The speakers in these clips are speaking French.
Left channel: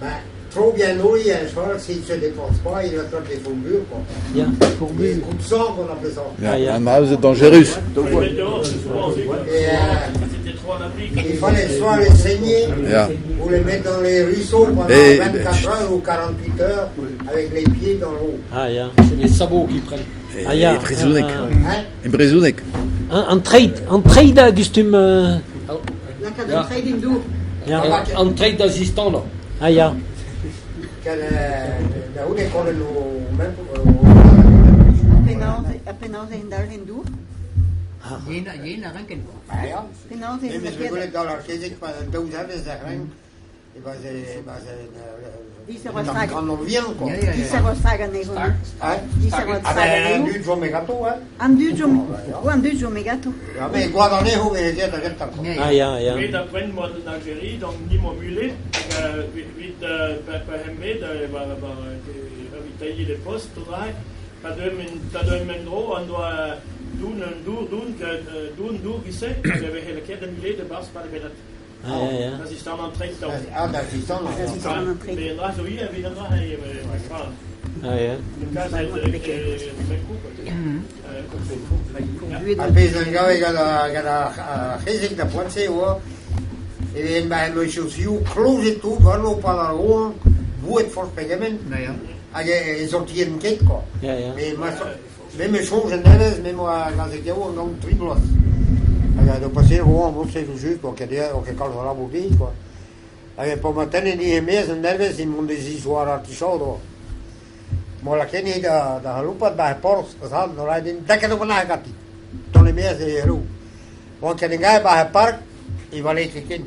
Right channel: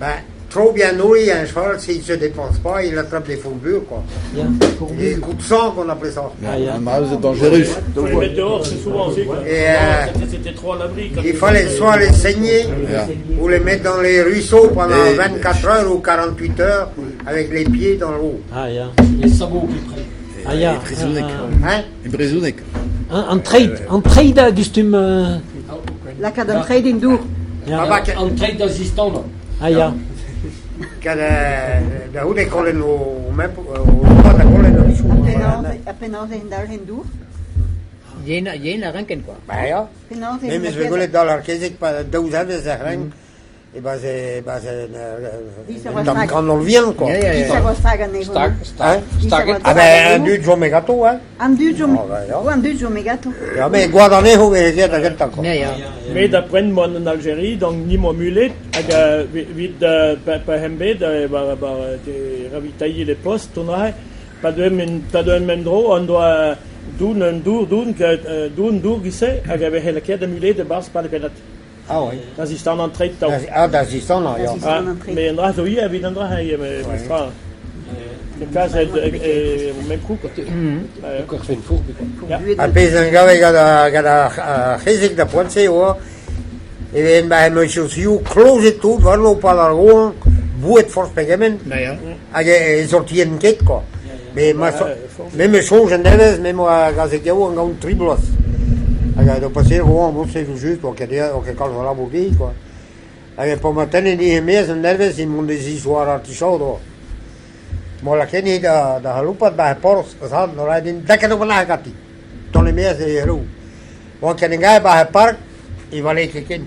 Ben, trop bien nourri, un cheval, s'il ne se dépense pas, il attrape des fourbures, quoi. Ja, Des fourbure. coups de sang, qu'on appelait ça. Ah, ja. Un mâle dangereux. Pour les mettre dehors, c'est souvent fait. Et C'était trop à l'abri. il fallait soit les saigner, Ja. ou les mettre dans les ruisseaux pendant Et- 24 heures ou 48 heures, avec les pieds dans l'eau. Ah ja. Les sabots qui prennent. Ah ja. Brezounek. Hein? In Brezounek. Een trade gustum... La cadre trade in dour. Ja. Een trade d'assistant là. Ah ja. Da hoe de kolen o mep o da kolen o risu. Apenas in daar in dour. Jena ranken quoi. Ba ja. Apenas in Même je kolen dollar kezek pa douz have ze ren. E ba ze Die se was dan vaak- kan on vien quoi. Die se was vragen nee hoor. Hein? Die se was Ah ben un du jo me gato hein. An du jo Ah, ja. an du jo me gato. Ja me guardane ho ve je da getta quoi. Ja, Ah ja. ja, Mais ja. d'après moi en Algérie, donc ni mon mulet, vite par hembe, de ravitailler les postes, on a pas de mendro, on doit doen gisse, avec la quête de mulet de base par le canat. Ah ouais. Dat is dan aan trade touw. Ah da is dan ja. Dat is dan een trade. Mais en dra zo hier, wie dan dra hij met stra. Ah ja. De cas met koek. A pez an gave gada kezek da pontse o. E ven ba me chausiu close tout va lo pa la ron buet for pegament. Ja, ja. Hag e sortien ket quoi. Ja, ja. Mais même change neves, même a gazek yo an gaun triblos. Hag do passer o an c'est juste pour que o que cal la bobi quoi. Hag po matin ni mes neves in mon des histoires artichado. Mo la keni da halupat ba poros sa no la din da que no na gati. Ton les mes e ru. Mo que ninguém ba park e vale que ken.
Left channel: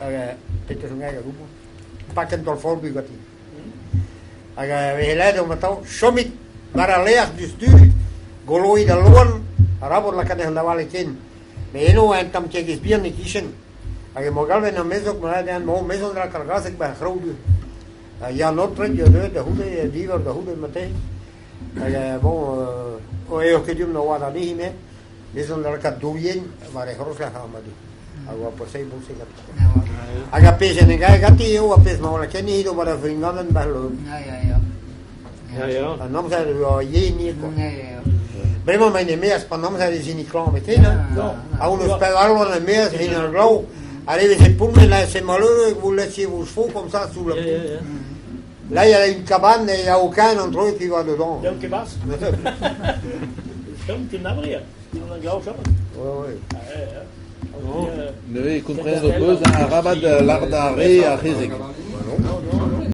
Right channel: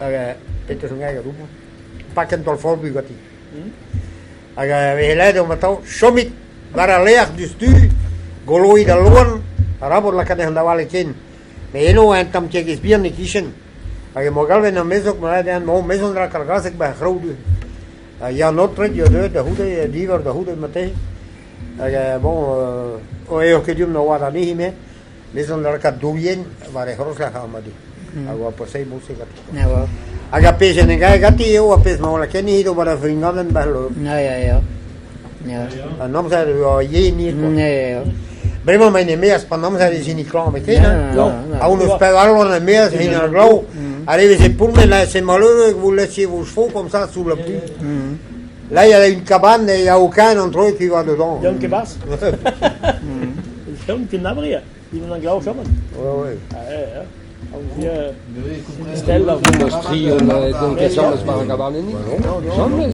Hag peter ngai rupo. Pakken tol for bu gati. Hag we lede om tau shomit bara leag du stu goloi da loan arabo la kan da vale ken. Me eno en tam che gis bien ni kishen. Hag mo galve na mesok mo la den mo meson dra kargasek ba khroudu. Ja, notre de hoede, diver de hoede meteen. Bon, o que dium no wada ni me. Meson la ka doyen, maar groot la gaan maar die. Agora passei música. Ja, wel. Aga pese ninguém gati eu a pes mal que ni do para vingaden belo. Ja, ja, ja. Ja, A nom sa o ye ni ko. ja, ja. Brema mai ne meas pa nom sa di ni clan meteen. Ja, A uno pegarlo na meas in el glow. Arrive c'est pour me là c'est malheureux que vous laissiez vos chevaux comme ça sous la pluie. Là il y a une cabane et il n'y a aucun entre eux qui va dedans. Dan kebas. Dan kinabria. Die dan grauw shaman. Ouais, ouais. Ja. Nee, ik kom Stel dat we de